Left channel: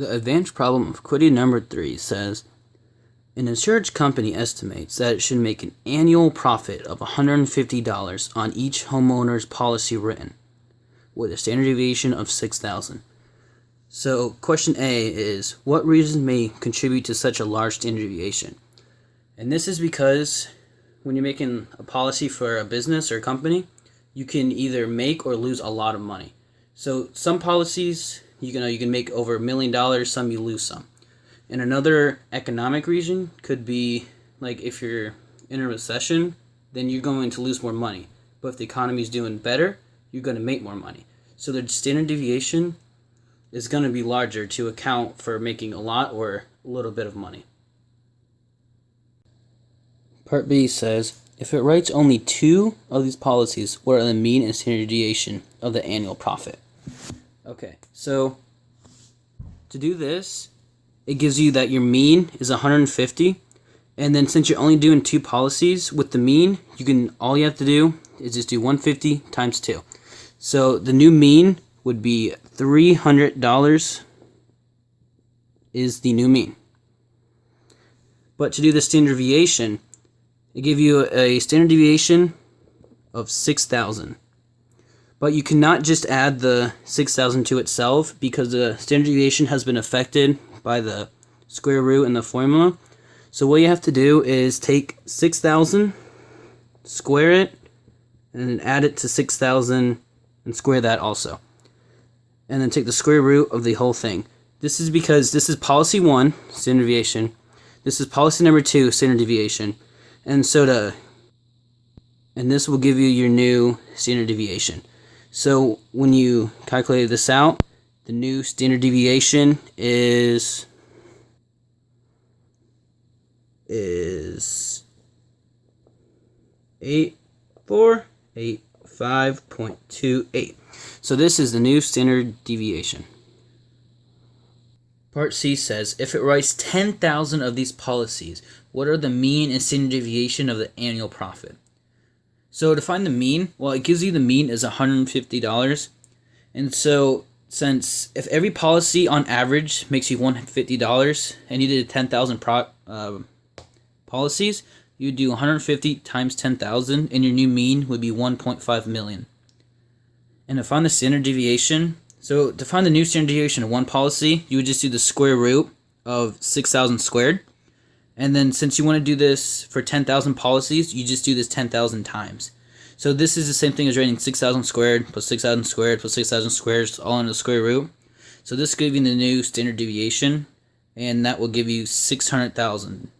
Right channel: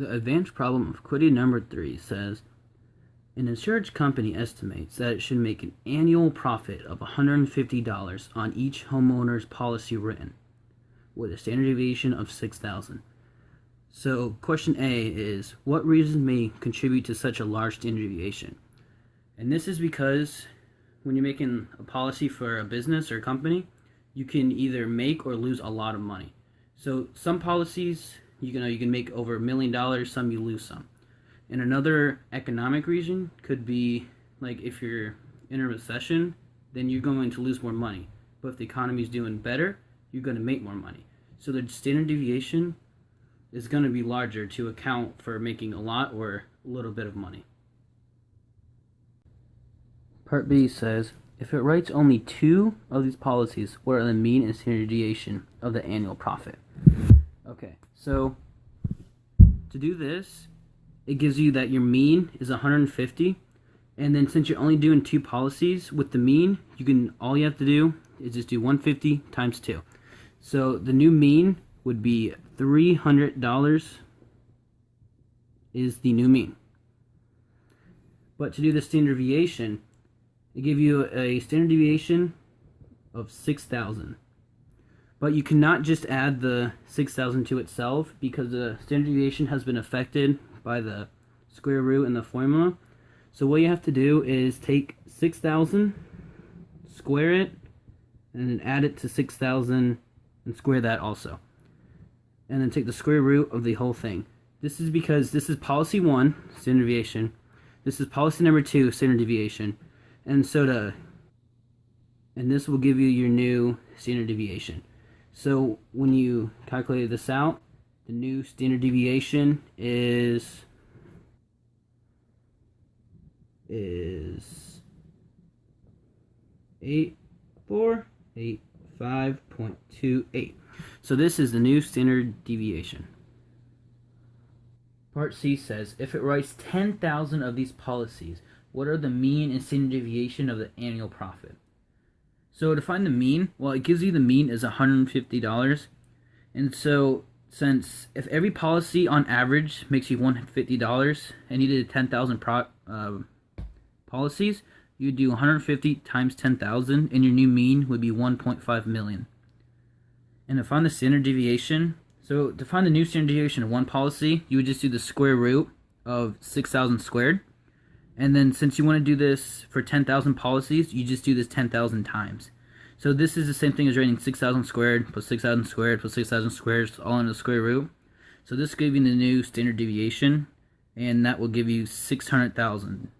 The advanced problem of Quideo number 3 says, an insurance company estimates that it should make an annual profit of $150 on each homeowner's policy written, with a standard deviation of 6,000. So question A is, what reasons may contribute to such a large standard deviation? And this is because when you're making a policy for a business or a company, you can either make or lose a lot of money. So some policies, you can make over $1 million, some you lose some. And another economic reason could be, like, if you're in a recession, then you're going to lose more money. But if the economy is doing better, you're going to make more money. So the standard deviation is going to be larger to account for making a lot or a little bit of money. Part B says, if it writes only 2 of these policies, what are the mean and standard deviation of the annual profit? Okay, so to do this, it gives you that your mean is 150, and then since you're only doing 2 policies with the mean, all you have to do is just do 150 times 2. So the new mean would be $300 is the new mean. But to do the standard deviation, it gives you a standard deviation of 6,000. But you cannot just add the 6,000 to itself because the standard deviation has been affected by the square root in the formula. So what you have to do is take 6,000, square it, and then add it to 6,000 and square that also. And then take the square root of the whole thing. This is because this is policy 1, standard deviation. This is policy number 2, standard deviation. And this will give you your new standard deviation. So when you calculate this out, the new standard deviation is 8485.28. So this is the new standard deviation. Part C says, if it writes 10,000 of these policies, what are the mean and standard deviation of the annual profit? So to find the mean, well, it gives you the mean as $150. And so since if every policy on average makes you $150 and you did 10,000 policies, you do 150 times 10,000 and your new mean would be 1.5 million. And to find the standard deviation, so to find the new standard deviation of one policy, you would just do the square root of 6,000 squared. And then since you want to do this for 10,000 policies, you just do this 10,000 times. So this is the same thing as writing 6,000 squared plus 6,000 squared plus 6,000 squared, all in the square root. So this gives you the new standard deviation, and that will give you 600,000.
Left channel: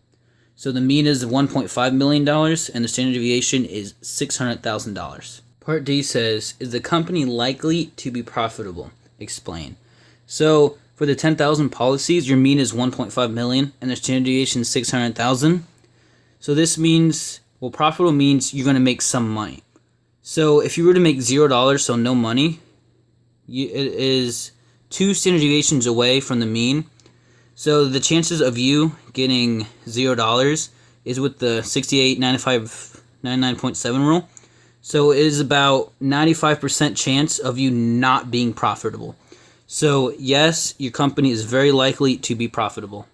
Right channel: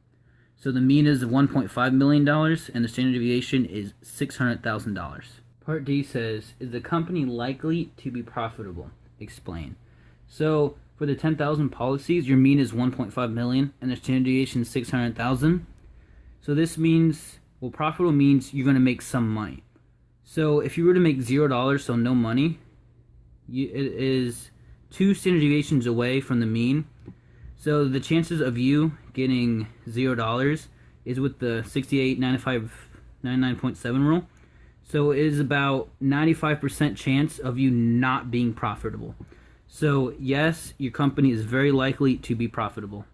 So the mean is $1.5 million, and the standard deviation is $600,000. Part D says, is the company likely to be profitable? Explain. So for the 10,000 policies, your mean is 1.5 million and the standard deviation is 600,000. So this means, well, profitable means you're going to make some money. So if you were to make $0, so no money, it is 2 standard deviations away from the mean. So the chances of you getting $0 is with the 68, 95, 99.7 rule. So it is about 95% chance of you not being profitable. So yes, your company is very likely to be profitable.